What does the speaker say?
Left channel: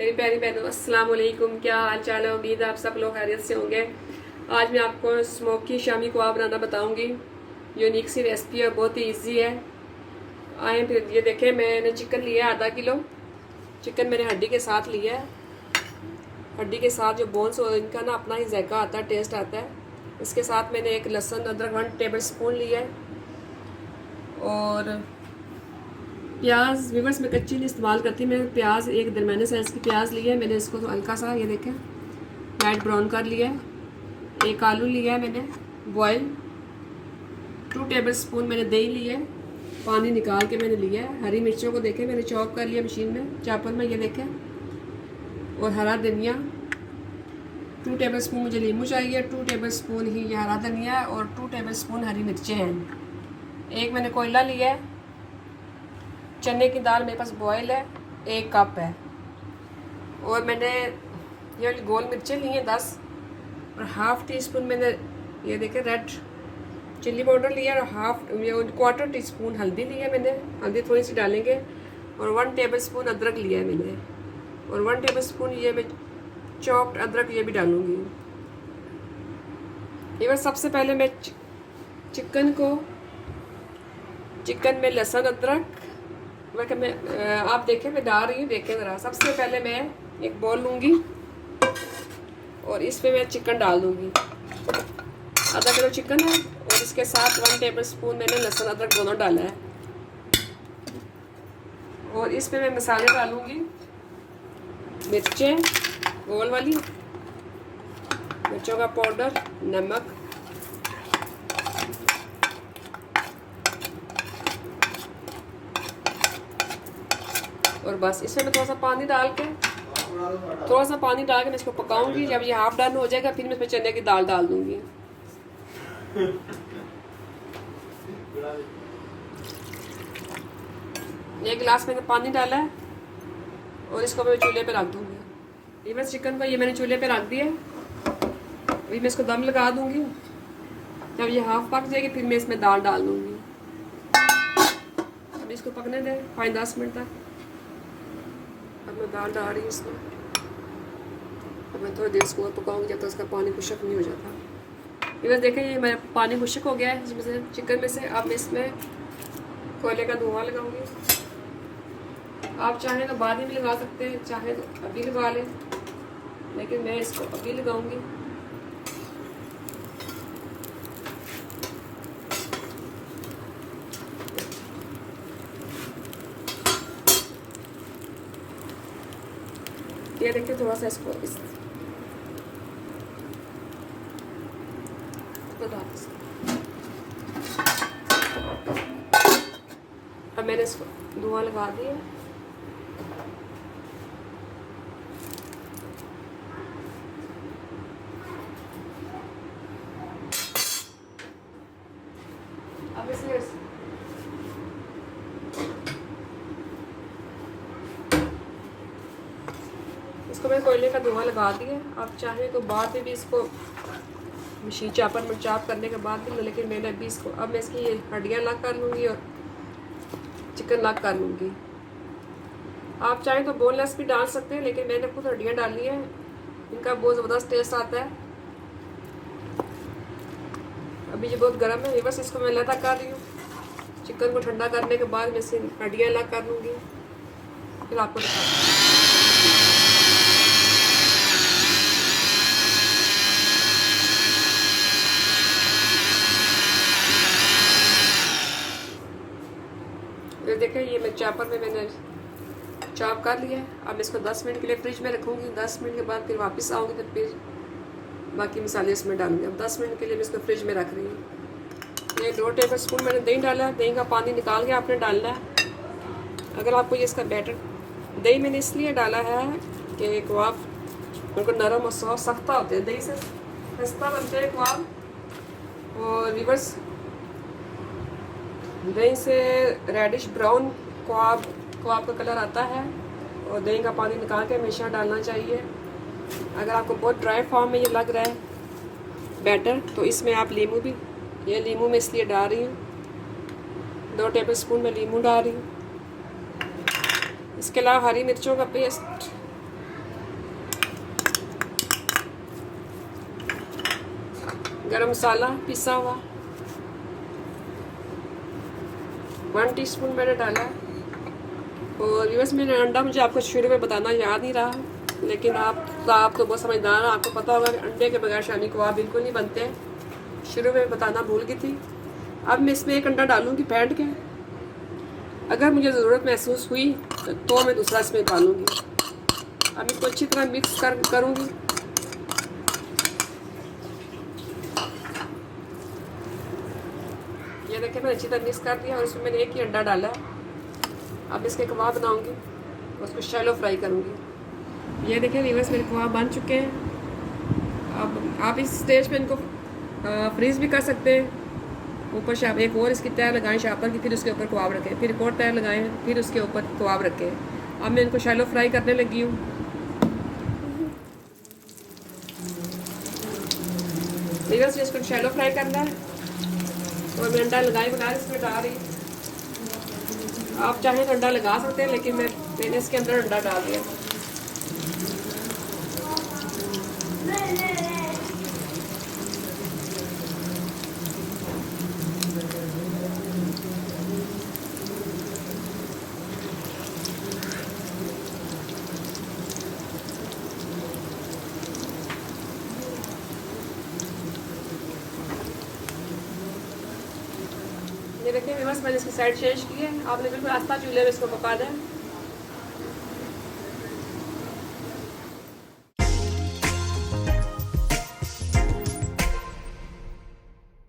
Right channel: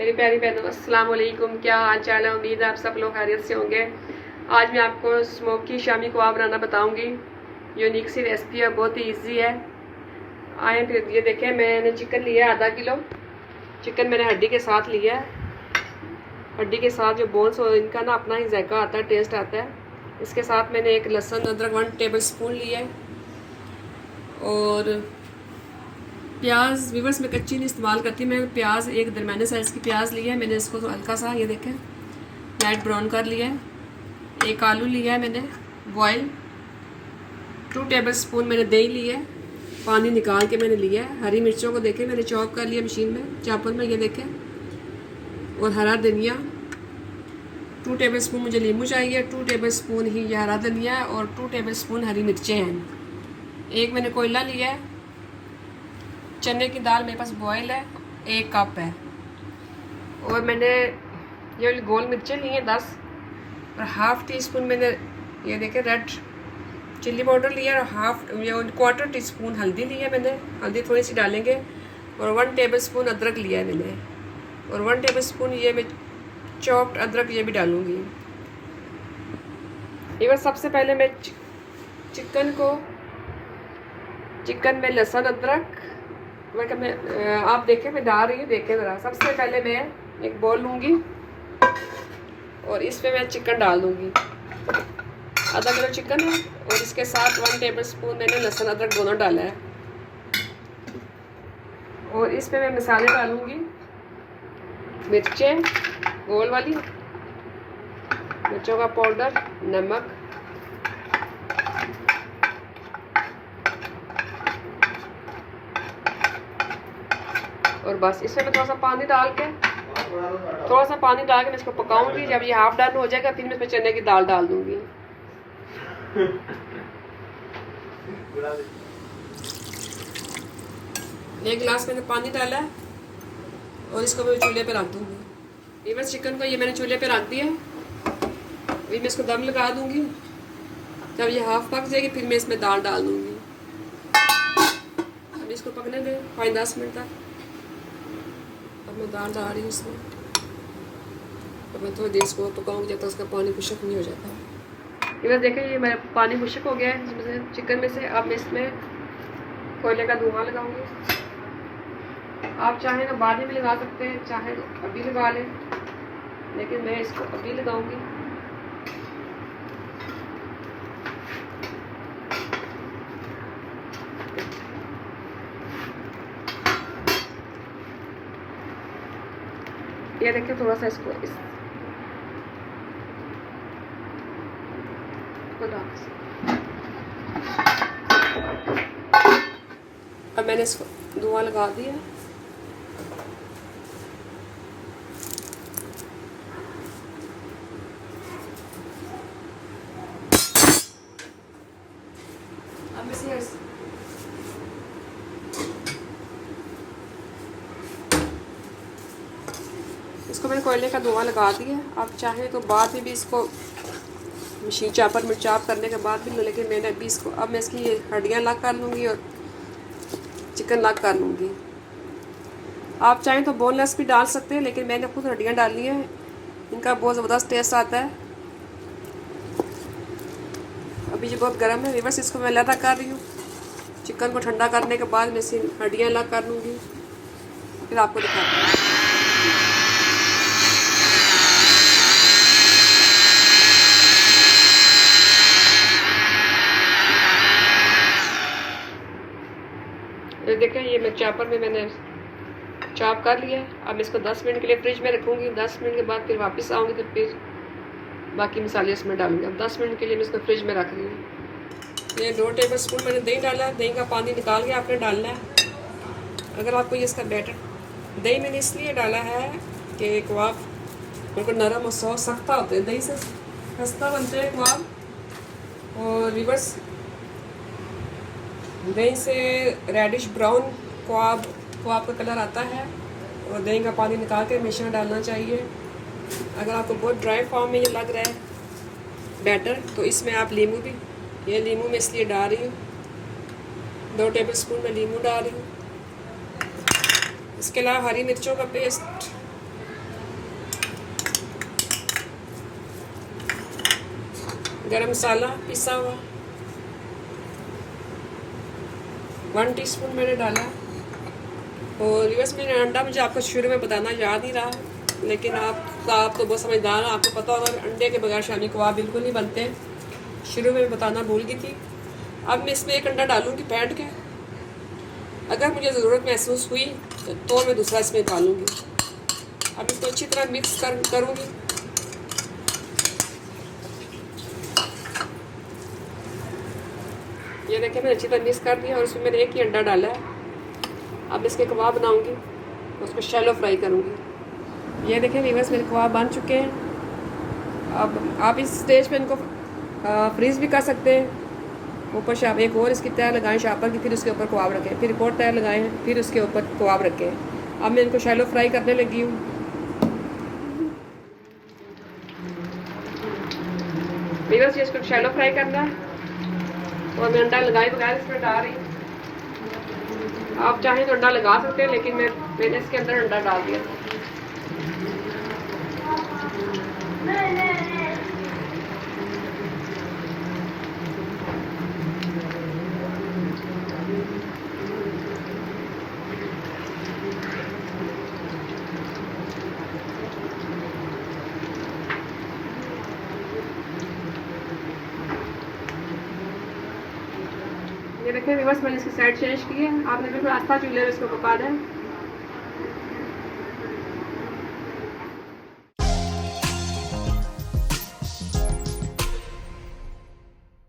मेरी प्यारी बहनों, अस्सलाम वालेकुम। क्या हाल चाल है? उम्मीद है आप सब लोग खैरियत से होंगे। आज मैं आपको स्मोकी शामी कबाब बनाना बताऊंगी। यूनिक सी रेसिपी है, बहुत ही इजी है। आए फिर ये देखें, मैंने चिकन लिया है आधा किलो। चिकन मैंने हड्डी के साथ लिया है। हड्डी के साथ जो बोन्स हो इनका ना अपना ही जायका आता है, टेस्ट आता है। इसके साथ मैंने एक लहसुन अदरक 1 टेबल स्पून लिया है। और प्याज विवर्स में कच्ची नहीं इस्तेमाल करती मैं। प्याज एक दरमियाने साइज़ की प्याज ली है मैंने, इसको तो हल्का सा ये देखें लाइट ब्राउन कर लिया है। एक आलू लिया है मैंने बॉयल। 2 टेबल स्पून मैंने दही लिया है, पानी निकाल के मैंने लिया है। हरी मिर्चों को देखें मैंने चॉप कर लिया मशीन में, चापर में, ये देखें। और हरा धनिया 2 टेबल स्पून मुझे नींबू चाहिए। 2 टेबल स्पून ही ये हरा धनिया और 2 टेबल स्पून हरी मिर्चें हैं। एक मैंने कोयला लिया है। चने की दाल मेरे पास बॉयल है, 1 कप है। और मैंने ये गोल मिर्चें ली हैं 10। और हाफ़ टी स्पून मैंने ये देखें रेड चिल्ली पाउडर लिया है। और क्वार्टर टी स्पून हल्दी ली है मैंने, हल्दी थोड़ी सी डालेंगे। और 1 टेबल स्पून अदरक लिया है मैंने। और 1 टेबल स्पून ये मैं चॉप्ड अदरक ये भी डालूँगी। ये बस सबसे पहले मैं चिकन में लहसुन अदरक आप देखें मैं डाल रही हूँ, देखें ज़रा। सबसे पहले मैं एक बॉल लूँगी और इस पे मैं चिकन डाल दूँगी। आधा किलो चिकन है और इसके साथ 1 टेबल स्पून मैंने लहसुन अदरक दोनों डाला है। और इस पे मैं मसाले डालूँगी। मिर्चें गोल वाली, मिर्चों का पाउडर, नमक, और बस इसमें मैं थोड़ा सा पानी डाल के मैं इसको पकाऊंगी। जब ये हाफ डन हो जाएगा फिर मैं इसमें चने की दाल डाल दूंगी। एक गिलास मैंने पानी डाला है और इसको मैं चूल्हे पे रख दूंगी। ये बस चिकन को ये मैंने चूल्हे पे रख दिया। अभी मैं इसको दम लगा दूंगी। जब ये हाफ पक जाएगी फिर मैं इसमें दाल डाल दूंगी। अभी इसको पकने दें 5-10 मिनट तक। अब मैं दाल डाल रही हूँ इसमें। अब मैं थोड़ी देर इसको पकाऊंगी जब तक इसका पानी खुश्क नहीं हो जाता। ये बस देखें, ये मेरा पानी खुश्क हो गया है इसमें से, चिकन में से। अब मैं इसमें कोयले का धुआं लगाऊंगी। आप चाहें तो बाद में भी लगा सकते हैं, चाहें तो अभी लगा लें, लेकिन मैं इसको अभी लगाऊंगी। ये देखिए थोड़ा सा इसको अब मैंने इसको धुआं लगा दिया। अब इसको मैं कोयले का धुआं लगा दिया। आप चाहें तो बाद में भी इसको मशीन चापर में चाप करने के बाद भी, लेकिन मैंने अभी इसको अब मैं इसकी हड्डियाँ अलग कर लूँगी और चिकन अलग कर लूँगी। आप चाहें तो बोनलेस भी डाल सकते हैं, लेकिन मैंने खुद हड्डियाँ डाली हैं, इनका बहुत ज़बरदस्त टेस्ट आता है। अभी ये बहुत गर्म है, बस इसको मैं अलग कर रही हूँ। चिकन को ठंडा करने के बाद मैं इसकी हड्डियाँ अलग कर लूँगी, फिर आपको दिखाती हूँ। ये देखें, ये मैं चापर में मैंने चॉप कर लिया। अब मैं इसको 10 मिनट के लिए फ्रिज में रखूँगी। 10 मिनट के बाद फिर वापस आऊँगी तो फिर बाकी मसाले इसमें डालूँगी। अब 10 मिनट के लिए मैं इसको फ्रिज में रख रही हूँ। ये 2 टेबल स्पून मैंने दही डाला। दही का पानी निकाल के आपने डालना है। अगर आपको ये इसका बैटर, दही मैंने इसलिए डाला है कि कबाब बिल्कुल नरम और सॉफ्ट सख्ता होते हैं, दही से खस्ता बनते हैं कबाब। और रिवर्स दही से रेडिश ब्राउन कबाब का कलर आता है। और दही का पानी निकाल के हमेशा डालना चाहिए। अगर आपको बहुत ड्राई फॉर्म में ये लग रहा है बैटर, तो इसमें आप नींबू भी, ये नींबू मैं इसलिए डाल रही हूँ। 2 टेबल स्पून में नींबू डाल रही हूँ। इसके अलावा हरी मिर्चों का पेस्ट गरम मसाला पिसा हुआ 1 टीस्पून मैंने डाला। और बस मैंने अंडा मुझे आपको शुरू में बताना याद नहीं रहा, लेकिन आप तो बहुत समझदार हैं, आपको पता होगा अंडे के बगैर शामी कबाब बिल्कुल नहीं बनते। शुरू में बताना भूल गई थी। अब मैं इसमें एक अंडा डालूंगी फेंट के। अगर मुझे ज़रूरत महसूस हुई तो मैं दूसरा इसमें डालूंगी। अब इसको अच्छी तरह मिक्स करूंगी। ये देखिए मैंने अच्छी तरह मिक्स कर दिया और उसमें मैंने एक ही अंडा डाला है। अब इसके कबाब बनाऊंगी, उसको शैलो फ्राई करूंगी। ये देखिए व्यूअर्स मेरे कबाब बन चुके हैं। अब आप इस स्टेज पे इनको फ्रीज भी कर सकते हैं। ऊपर से आप एक और इसकी तय लगाएं शापर की, फिर इसके ऊपर कबाब रखें, फिर एक और तय लगाएं, फिर उसके ऊपर कबाब रखें। अब मैं इनको शैलो फ्राई करने लगी हूँ। व्यूअर्स इसको शैलो फ्राई करना है और मैं अंडा लगाए बगैर इसमें डाल रही हूँ। आप चाहें तो अंडा लगा सकते हैं, लेकिन मैंने इसके अंदर अंडा डाल दिया। ये देखिए बस मैंने इसकी साइड चेंज की है। आपने बिल्कुल अच्छा चूल्हे में इसको पका दें।